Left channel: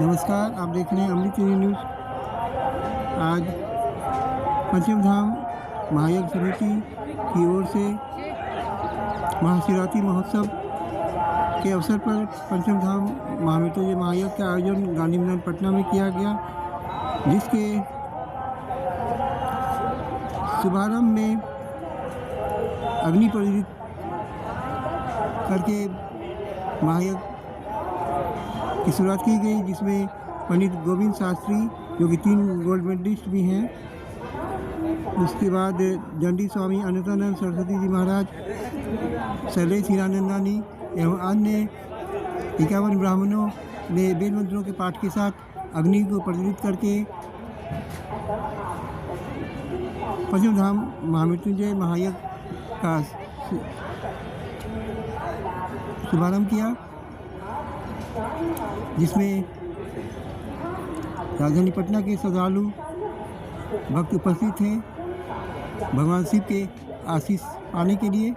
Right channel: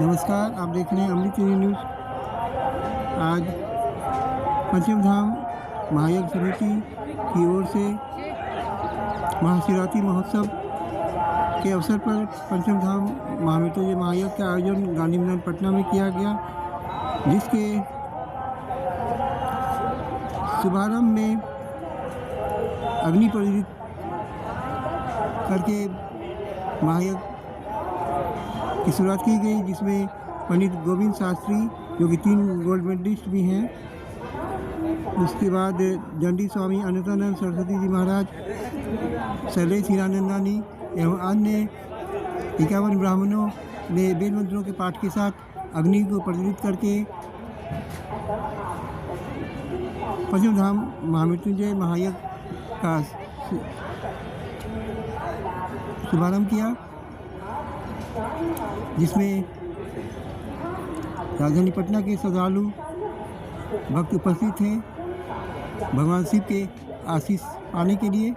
नमस्कार, आप देख रहे हैं अमृत न्यूज़। आज पंचम धाम महायज्ञ समिति की ओर से महाशिवरात्रि महोत्सव के अवसर पर पंचम धाम महामृत्युंजय महायज्ञ का आयोजन गांधी मैदान पटना में किया गया, जिसके शुभारंभ में अग्नि प्रज्वलित करके महायज्ञ की शुरुआत की गई, जिसमें पंडित गोविंद शास्त्री जो कि 3 गोल्ड मेडलिस्ट भी हैं, उसके बाद दंडी स्वामी अनंतानंद सरस्वती जी महाराज, शैलेश हीरानंदानी एवं अन्य 51 ब्राह्मणों ने वेद मंत्रों के पाठ के साथ अग्नि को प्रज्वलित करके पंचम धाम महामृत्युंजय महायज्ञ का शुभारंभ किया, जिसमें राजधानी पटना के श्रद्धालु भक्त उपस्थित थे भगवान शिव के आशीष पाने के लिए।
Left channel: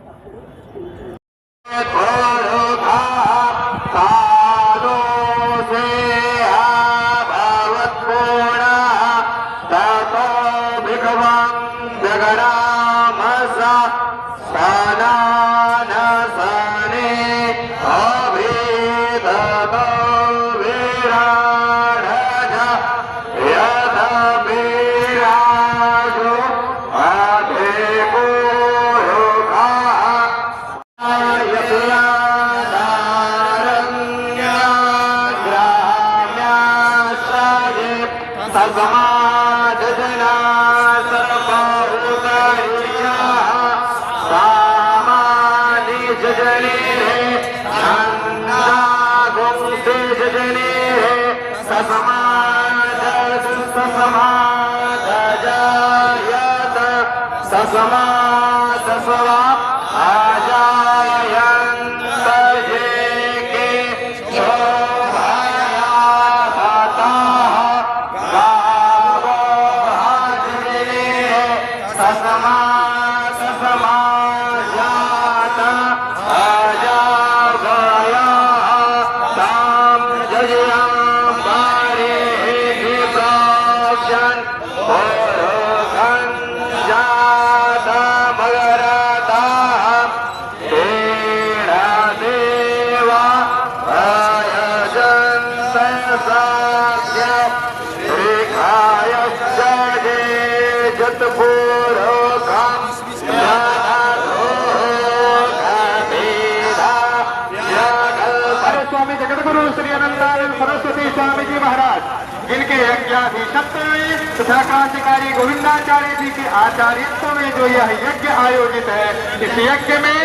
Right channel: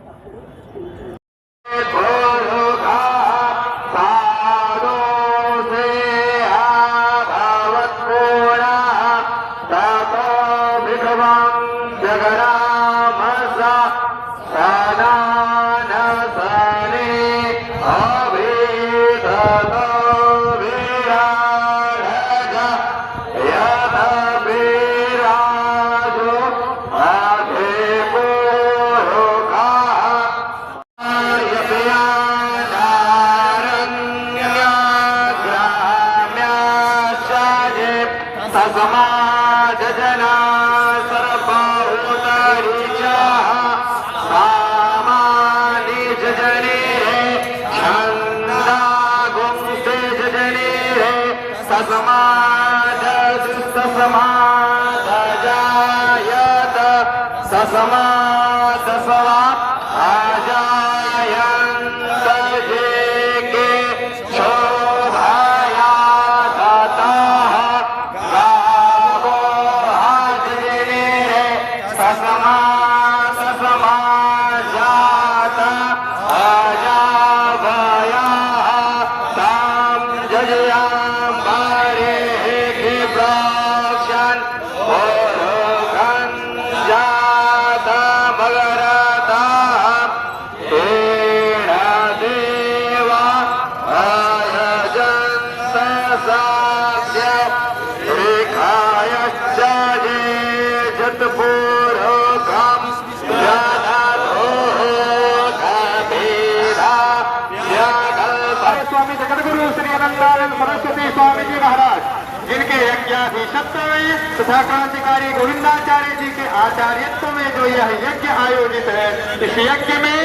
स्वामी जी महाराज, जिनके यज्ञाधीशत्व में तथा क्रांतिकारी गोविंदाचार्य जी के आचार्यत्व में जो यह यज्ञ आयोजित है, इस यज्ञ में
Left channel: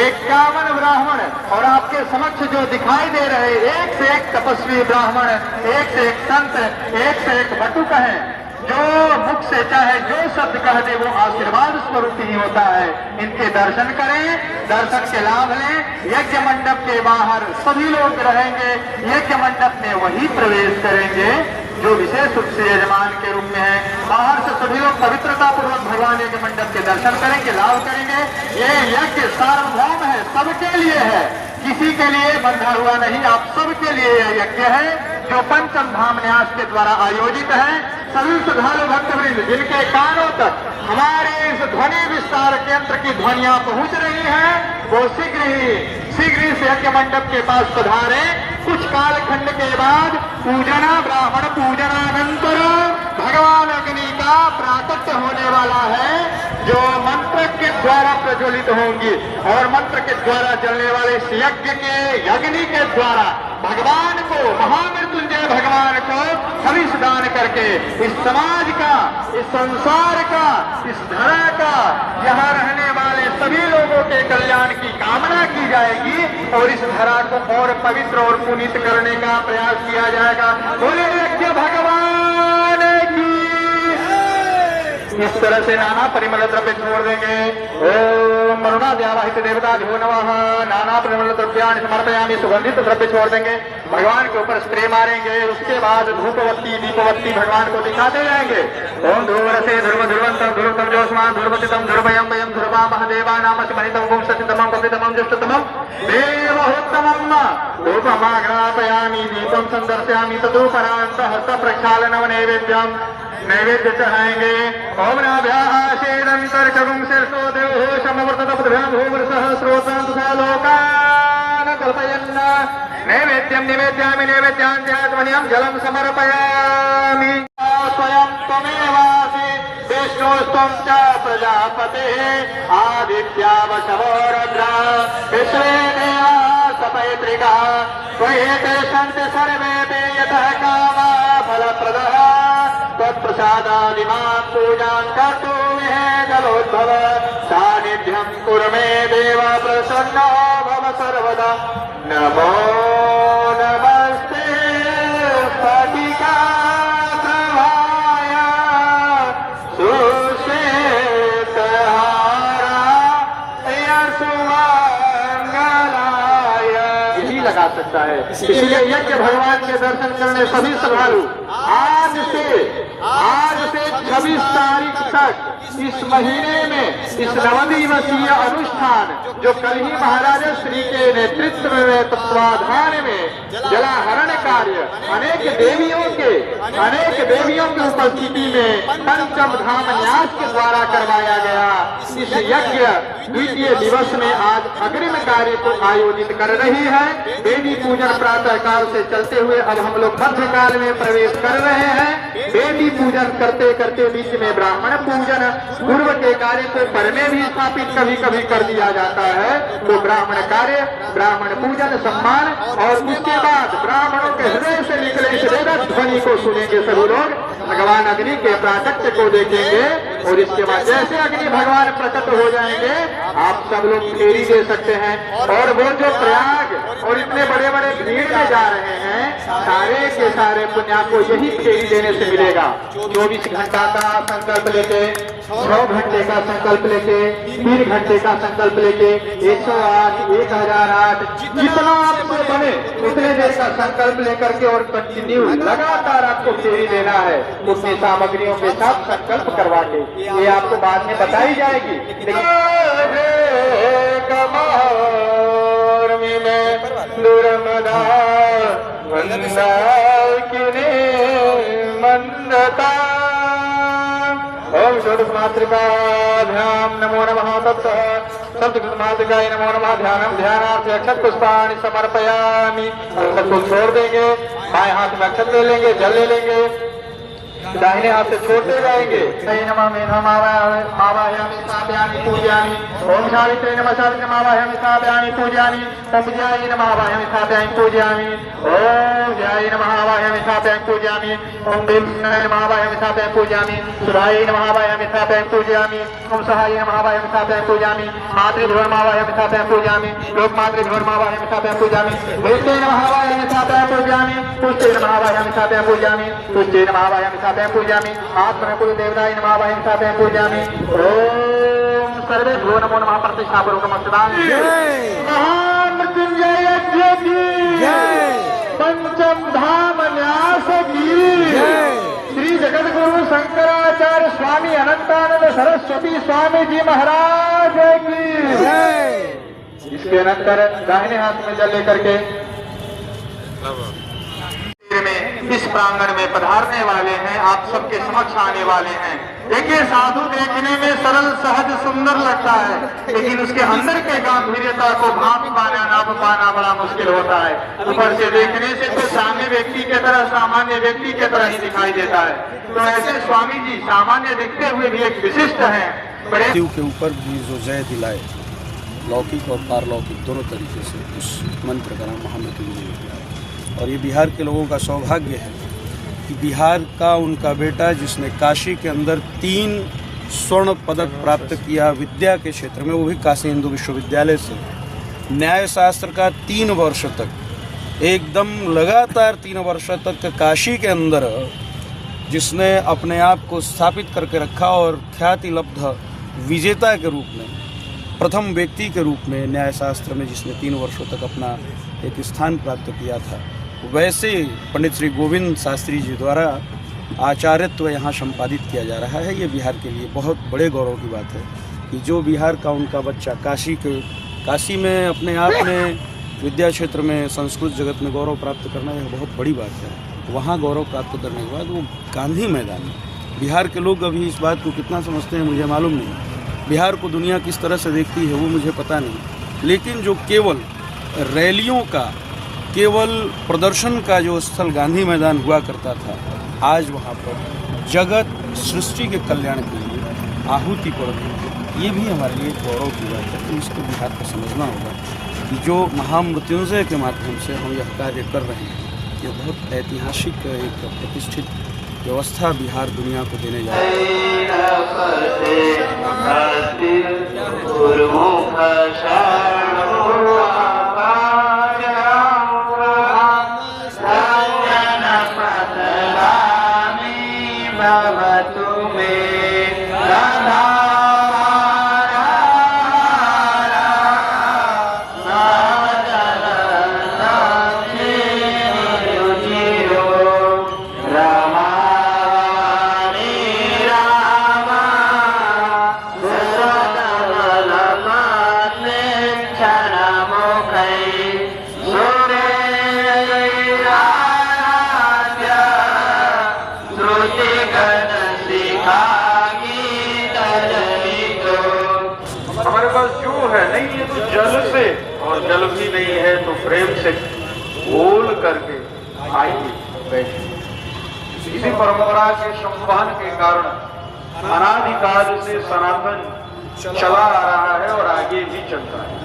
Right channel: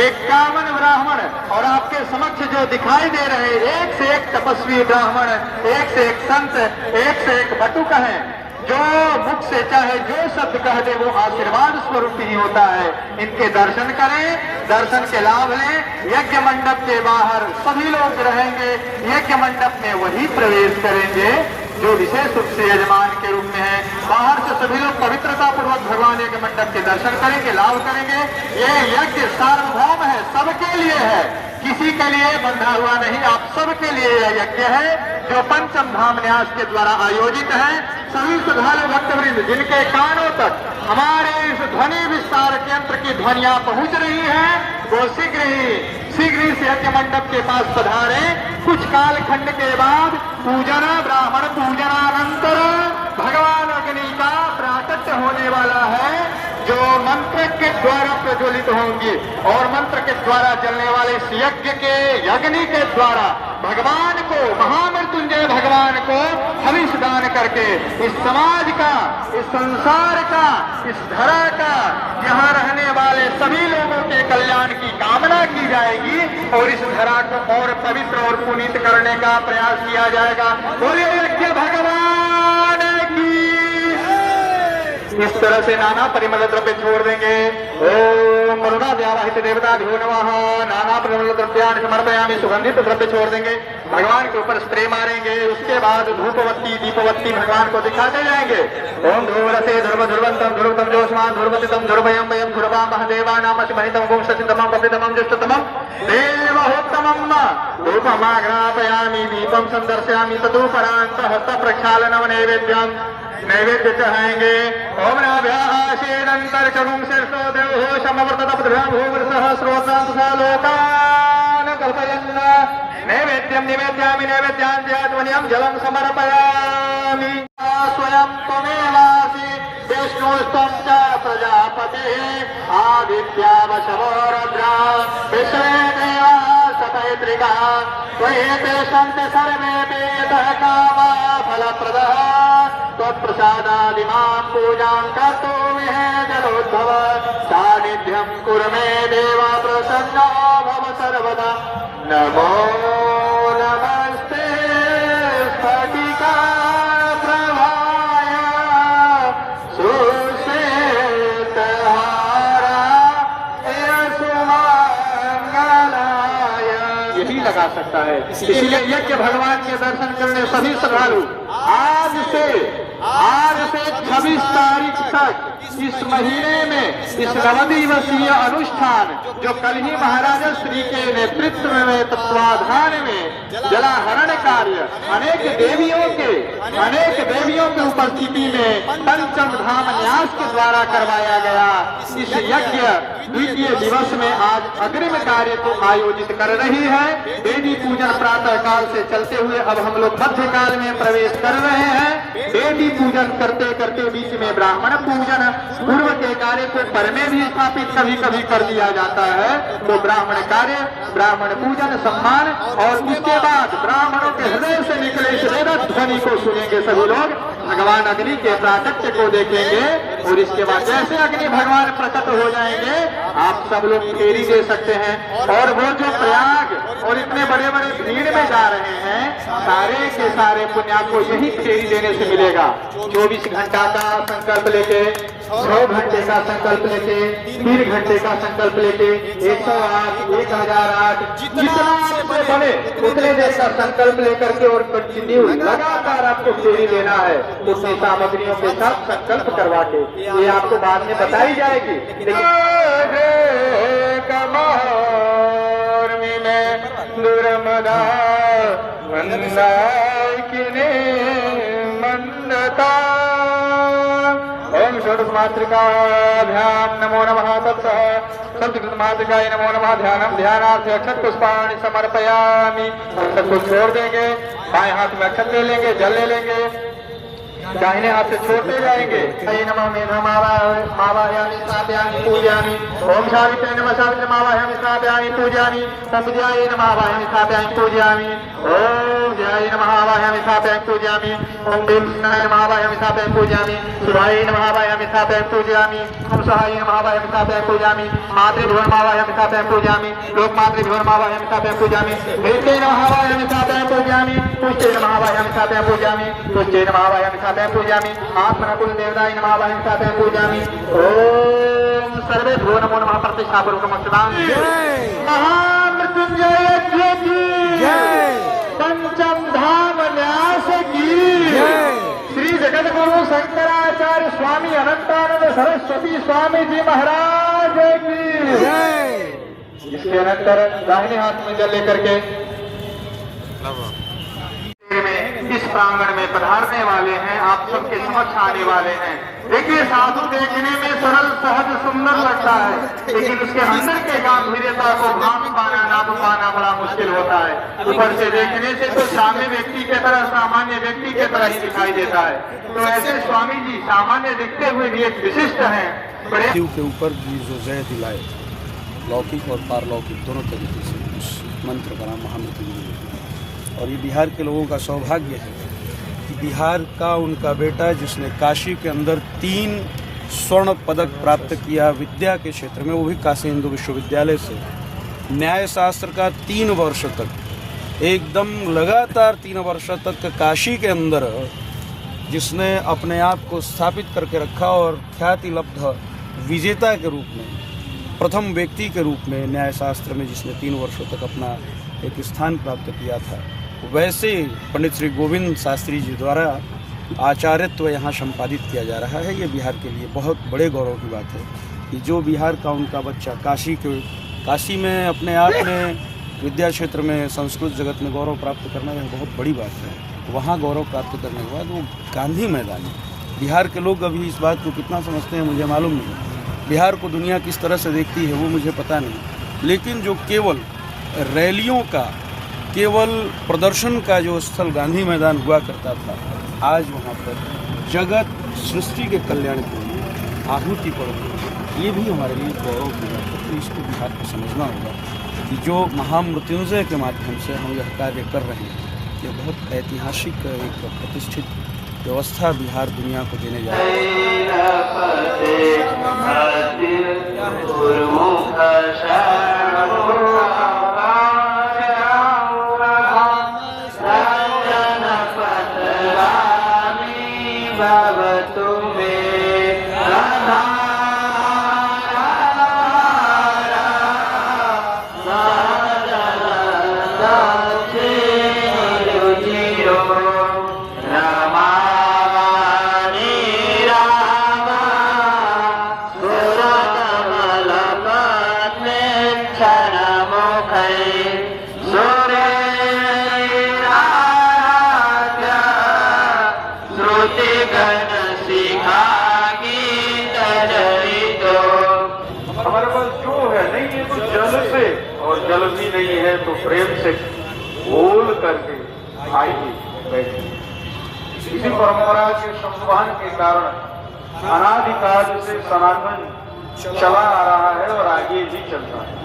51 ब्राह्मण और आपके समक्ष जो दिखाई दे रहे एक से एक तपस्वी ब्राह्मण, एक से एक संत, एक से एक बटुक है, जो मुख से चाहे जो शब्द कह दे वो आशीर्वाद स्वरूप ही होता है। इनके दर्शन करें, दर्शन के लाभ लें। यज्ञ मंडप के बाहर सभी लोग रहेंगे, यज्ञ मंडप में वही प्रवेश करेंगे जो विशेष रूप से यजमान के रूप में है। बाहर से सभी लोग पवित्रता पूर्वक भगवान यज्ञ मंडप के दर्शन करेंगे, लाभ करेंगे। ये यज्ञ सार्वभौम है, सबके लिए है, किसी के लिए बंधा हुआ नहीं, आप सबके लिए यह यज्ञ है जो पंचम धाम न्यास के द्वारा आयोजित है। सभी श्रद्धालु भक्तवृंद जिनके कानों तक हमारे इस ध्वनि विस्तार केंद्र की ध्वनियां पहुंच रही है, वो शीघ्र ही से यज्ञ मंडप के पास पधारे। कुछ कालखंड के बाद पूजन ब्राह्मण पूजनानंतर भगवान अग्नि का प्राकट्य होने वाला है, जो मंत्र के द्वारा प्रज्वलित होंगी और मंत्र के द्वारा जलने वाले इस यज्ञ के अग्नि के द्वारा भगवान को, महामृत्युंजय भगवान को हविष दान करके इस समाज का, इस संसार का, इस धरा का, यहाँ रहने वाले सभी लोगों के कल्याण की कामना की जाएगी और इस धरा को और पवित्र और पुनीत करने का प्रयास किया जाएगा। बोले यज्ञ भगवान की। इस तरह से नाना परिमल द्रव्य छोड़ देंगे। ओम वरुणाद्यावाहित देवताभ्यो नमः। नाना परिमल द्रव्याणि समर्पयामि। सुगंधित द्रव्य छोड़ देंगे, भगवान के ऊपर स्प्रे मारेंगे। उसके बाद धूपवत्ती दीपवत्ती भगवान को दिखाते जाएंगे। ओम ध्रुवरसे ध्रुव ध्रुवंतम ध्रुवतम ज्योत्स्मान ध्रुवतितम ध्रुवयम वयम ध्रुवा महदेवा नाम शिवनितम गुंशतितमं पवितमं ज्येष्ठतमं देवहोत्तमं धूपमाग्रापयामि। दीपम संदर्शयामि तदुपरांत हस्त प्रक्षालनम नैवेद्यम नैवेद्य चढ़ाएंगे। ओम नभ्याशेदंतर चरुम शीर्षो देवो समवर्ततभ्यां भूमृतः श्रोतांसालोकान् कल्पयन् नैवेद्यं निवेद्यामि नैवेद्याञ्जलध्वनिं जलं समर्पयामि। स्वयं त्वमेवासि विष्णुस्त्वं च प्रजापतिः आदित्यावशो रुद्रा विश्वे देवाः सपैतृकाः त्वयि सन्ति सर्वे यतः कामा फलप्रदः त्वत्प्रसादादिमां पूजां कर्तुं हे जलोद्भव सान्निध्यं कुरु मे देव प्रसन्नो भव सर्वदा। नमो नमस्ते स्फटिका प्रभाय सुमंगलाय। यही लगा सकता है। इसलिए यज्ञ भगवान के दर्शन करने सभी श्रद्धालु आज से 26 तारीख तक इस महीने में इस नवदिवसीय अनुष्ठान जो कल ही महाराजा श्री के नेतृत्व में तत्वाधान में जलाहरण कार्य अनेक देवियों के उपस्थिति में पंचम धाम न्यास के द्वारा करवाया गया। इस यज्ञ द्वितीय दिवस में आज अग्रिम कार्य को आयोजित कर रही है। देवी पूजन प्रातः काल से चलते हुए अब हम लोग मध्य काल में प्रवेश कर रहे हैं। देवी पूजन करते करते बीच में ब्राह्मण पूजन पूर्व के कार्य को पर में भी स्थापित कभी कभी कर दिया जाता है। तो ब्राह्मण कार्य, ब्राह्मण पूजन, सम्मान और उसके बाद ब्राह्मणों के हृदय से निकले इस वेद ध्वनि को सुनेंगे सभी लोग। भगवान अग्नि के प्राकट्य को देखेंगे और इसके बाद जैसे अग्नि भगवान प्रकट हो जाएंगे आप सब लोग फेरी दे सकते हैं। और वो जो प्रयाग और इतने बड़े बड़े भीड़ में जा रहे हैं सारे के सारे पुण्य आपको यही फेरी देने से मिलेगा। 24 घंटा का संकल्प लेके, 9 घंटे का संकल्प लेके, 3 घंटे का संकल्प लेके, 108, 1008 जितना आपसे बने उतने देर का संकल्प लेकर के और कंटिन्यू लगातार आपको फेरी देना है उतनी सामग्रियों के साथ संकल्प करवा के। ये आपको बाद में बताई जाएगी। ओम मातृकाभ्याम नमो नमः तत्सः सत्यमातृकाय नमो नमः। ध्यानम ध्यानार्थ अक्षत पुष्पाणि समर्पयामि। हम सबको छोड़ देंगे, बाएं हाथ में अक्षत ले लेंगे, जल ले लेंगे, दाहिने हाथ से छोड़ते जाएंगे। नमः मेघमावाहयामि स्थापयामि पूजयामि। ओम सावित्रे नमः सावित्रमावाहयामि स्थापयामि पूजयामि। ओम विद्यायै नमः आवाहयामि स्थापयामि पूजयामि। ओम ध्यायै नमः आवाहयामि स्थापयामि पूजयामि। ओम वेंकटेशाय नमः आवाहयामि स्थापयामि पूजयामि। शिवायै नमः आवाहयामि स्थापयामि पूजयामि। ओम सहायै नमः आवाहयामि स्थापयामि पूजयामि। मातृभ्योर्मावाहयामि स्थापयामि पूजयामि। लोकमातृभ्योर्मावाहयामि स्थापयामि पूजयामि। वेत्ते नमः आवाहयामि स्थापयामि पूजयामि। पुष्टे नमः आवाहयामि स्थापयामि पूजयामि। तुष्टे नमः आवाहयामि स्थापयामि पूजयामि। आत्मनकुल देवताय नमः आवाहयामि स्थापयामि पूजयामि। ओम सर्वेभ्यो नमो नमः प्रतिष्ठापूर्वकं नमस्कारामि। महामृत्युंजय की पंचम धाम न्यास की श्री जगद्गुरु शंकराचार्य स्वामी अनंतानंद सरस्वती स्वामी जी महाराज की। इसके अनंतर दाहिने हाथ में जल लेकर के इस प्रांगण में पधारने वाले हैं, आप सबके समक्ष आने वाले हैं। देखिए साधु देखने में सरल सहज सुंदर लगता है लेकिन उसके अंदर के गांभीर्यता को भाप पाना नाप पाना बड़ा मुश्किल होता है। ऊपर से देखने से तो सामान्य व्यक्ति के तरह सामान्य व्यक्ति के तरह ही दिखाई देता है। तो ऐसे स्वामी जी सामान्य दिखते हुए भी एक विशिष्ट है। बड़े के ऊपर भी जो जय दिलाए लौकिक और पारलौकिक दोनों तरीके से उस मंत्र का नाम महामृत्यु है। और ये बिहार के लोगों का सौभाग्य है कि बिहार का उनका बेटा जिसने काशी के अंदर 3 स्वर्ण पदक प्राप्त किया विद्या के क्षेत्र में, वो भी काशी हिंदू विश्वविद्यालय से, न्याय शास्त्र का 3 वर्ष तक एकदम लगातार 3 वर्ष तक काशी के अंदर जिसने अपने आप को स्थापित करके रखा और ख्याति लब्ध विजेता के रूप में, प्रथम व्यक्ति के रूप में न्यायशास्त्र में जिसने 3 वर्षों तक अपना एक स्थान प्राप्त किया था, वैसे पंडित श्री गोविंद शास्त्री जी द्वारा आचार्यत्व यहाँ संपादित किया जा रहा है। ये बिहार के लिए बहुत बड़े गौरव की बात है कि जो बिहार का उनका बच्चा काशी में अपने आप में विद्या क्षेत्र में संस्कृत जगत में गौरव प्राप्त करना ये बहुत बड़ी बात है। वहाँ गौरव प्राप्त करने के बाद वो गांधी मैदान, बिहार के लोग अभी इस बात को कितना समझते हैं मुझे मालूम नहीं, बिहार को दुनिया किस तरह से देखती है वो मुझे पता नहीं, लेकिन जो केवल रैलियों का, केवल प्रदर्शन का जो स्थल गांधी मैदान हुआ करता था, आज वहाँ पर जगत सृष्टि के कल्याण के लिए आहुति पड़ रही है। ये भी हमारे लिए गौरव की बात है। तो इसको बिहार को समझना होगा कि जो महामृत्युंजय के माध्यम से हम यह कार्य कर रहे हैं, ये बहुत ऐतिहासिक एक प्रतिष्ठित व्यवस्था बिहार दुनिया को देने जा हमारे पास जो है नहीं है तो जल से, और जल भी नहीं है तो प्रेम से बोल करके आएगी बैठे। इसी परंपरा के संवहन के कारण अनादिकाल से सनातन चला आ रहा है और आगे भी चलता है।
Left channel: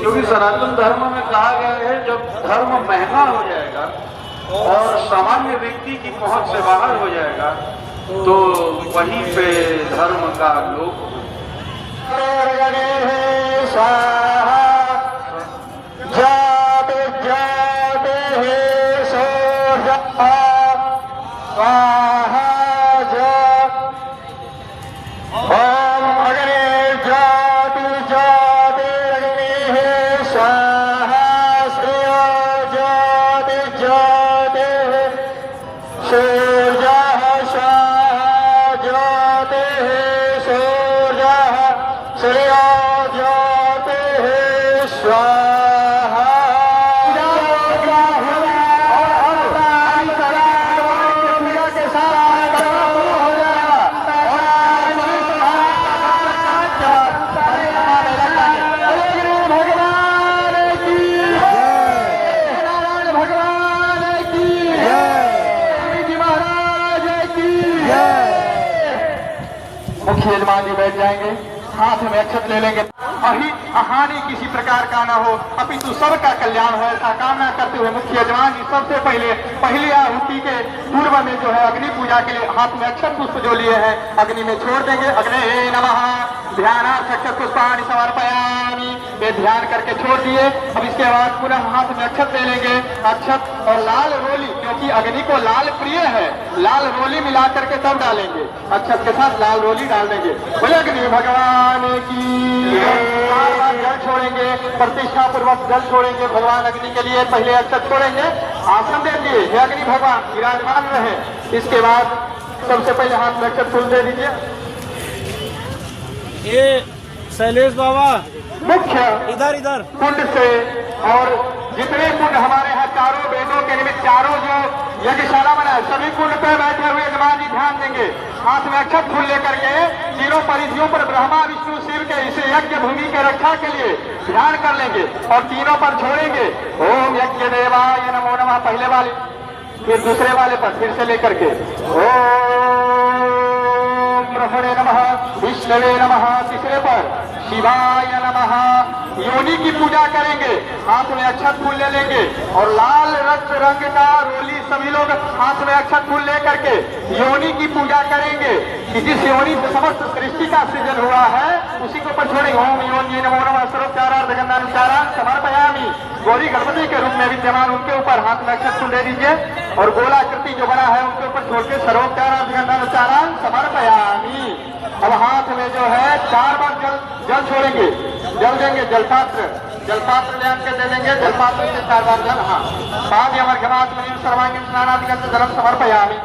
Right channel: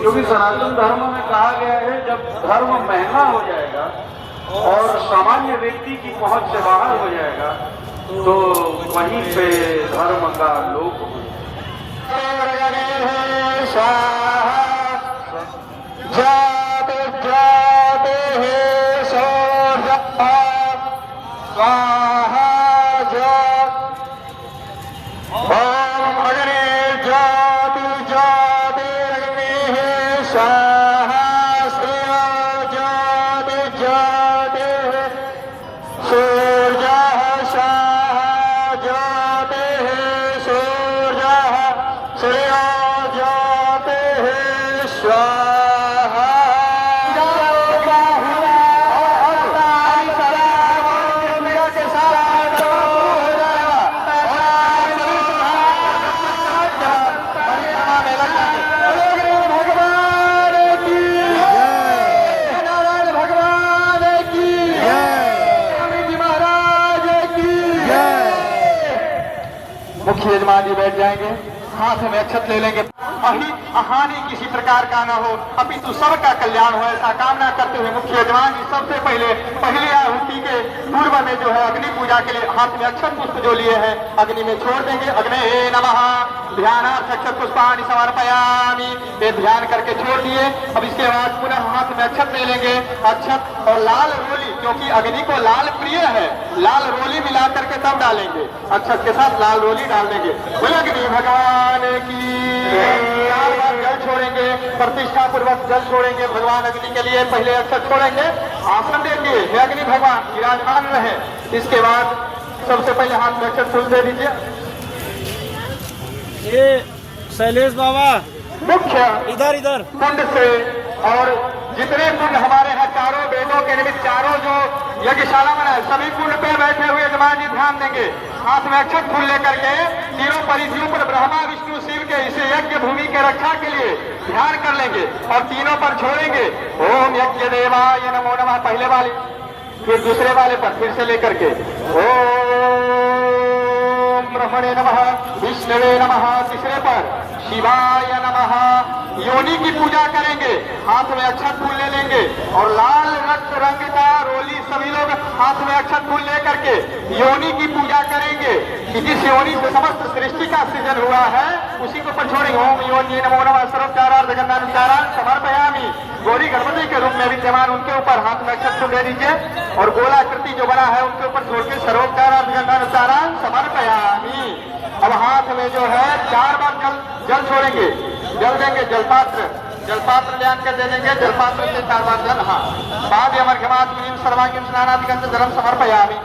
क्योंकि सनातन धर्म में कहा गया है जब धर्म महंगा हो जाएगा और सामान्य व्यक्ति की पहुंच से बाहर हो जाएगा तो वहीं पे धर्म का लोप मुख्य यजमान जी बैठ जाएंगे, हाथ में अक्षत ले लेंगे। अहित हानि किसी प्रकार का न हो, अपितु सबका कल्याण हो, ऐसा कामना करते हुए मुख्य यजमान जी सबसे पहली आहुति के पूर्व में जो है अग्नि पूजा के लिए हाथ में अक्षत पुष्प जो लिए हैं अग्नि में छोड़ देंगे। अग्ने नमः ध्यानात् अक्षत पुष्पाणि समर्पयामि, ये ध्यान करके छोड़ दिए। अब इसके बाद पुनः हाथ में अक्षत ले लेंगे, अक्षत और लाल रोली, क्योंकि अग्नि को लाल प्रिय है, लाल रोली मिला करके तब डालेंगे, अक्षत के साथ लाल रोली डाल देंगे। बोले अग्नि भगवान की जल छोड़ेंगे, प्रतिष्ठा पूर्वक जल छोड़ेंगे भगवान अग्नि के लिए। पहले अक्षत छोड़ेंगे, आसन देंगे, हे अग्नि भगवान विराजमान रहे। इसके बाद सबसे पहले हाथ में अक्षत फूल दे दीजिए। ये शैलेश बाबा मुख्य इधर कुंड से, और जितने कुंड हमारे यहाँ चारों वेदों के निमित्त चारों जो यज्ञशाला बना है सभी कुंड पे बैठे हुए यजमान जी ध्यान देंगे। हाथ में अक्षत फूल लेकर के तीनों परिधियों पर ब्रह्मा विष्णु शिव के इसे यज्ञ भूमि के रक्षा के लिए ध्यान कर लेंगे और तीनों पर छोड़ेंगे। ओम यज्ञ देवाय नमो नमः पहले वाले, फिर दूसरे वाले पर फिर से लेकर के ओम ब्रह्मणे नमः विष्णवे नमः तीसरे पर शिवाय नमः। योनि की पूजा करेंगे, हाथ में अक्षत फूल ले लेंगे और लाल रंग का रोली सभी लोग हाथ में अक्षत फूल लेकर के योनि की पूजा करेंगे। जिस योनि से समस्त सृष्टि का सृजन हुआ है उसी को पर छोड़ेंगे। ओम योनि नमो नमः सर्वोपचारार्थ जगन्नाथ समर्पयामि। गौरी गणपति के रूप में विद्यमान उनके ऊपर हाथ में अक्षत फूल दे दीजिए। और गोलाकृति जो बना है उनके ऊपर छोड़ के सरोकार अनुसाराम समर्पयामी। अब हाथ में जो है 4 बार जल छोड़ेंगे, जल देंगे, जलपात्र ले आकर दे देंगे, जलपात्र से 4 बार जल। हाँ, पाद यमर्घमात् क्रीम सर्वांगीं स्नानादिकं जलम समर्पयामि।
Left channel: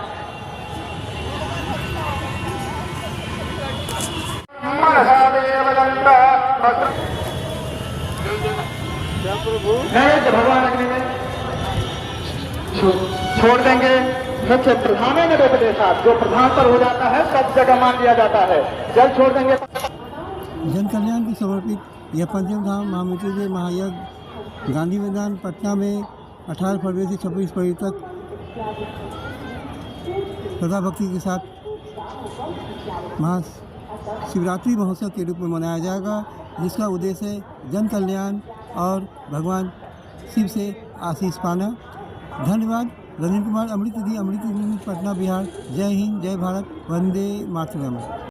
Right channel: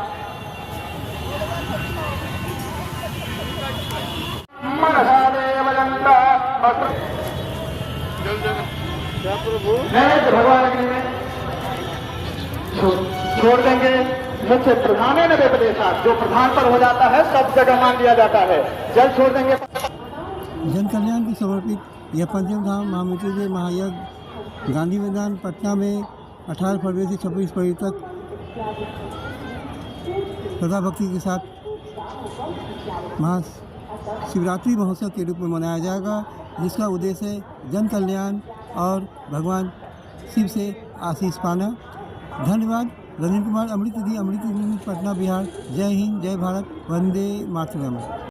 भगवान अग्नि में छोड़ देंगे। मुख्य प्रधान के साथ जो प्रधान पर हो जाता है सब जगह मान लिया जाता है, जल छोड़ देंगे। जन कल्याण को समर्पित यह पंचम धाम महामृत्युंजय महायज्ञ गांधी मैदान पटना में 18 फरवरी से 26 फरवरी तक श्रद्धा भक्ति के साथ महाशिवरात्रि महोत्सव के रूप में मनाया जाएगा, जिसका उद्देश्य है जन कल्याण और भगवान शिव से आशीष पाना। धन्यवाद। रविंद्र कुमार, अमृत दी, पटना, बिहार। जय हिंद, जय भारत, वंदे मातरम।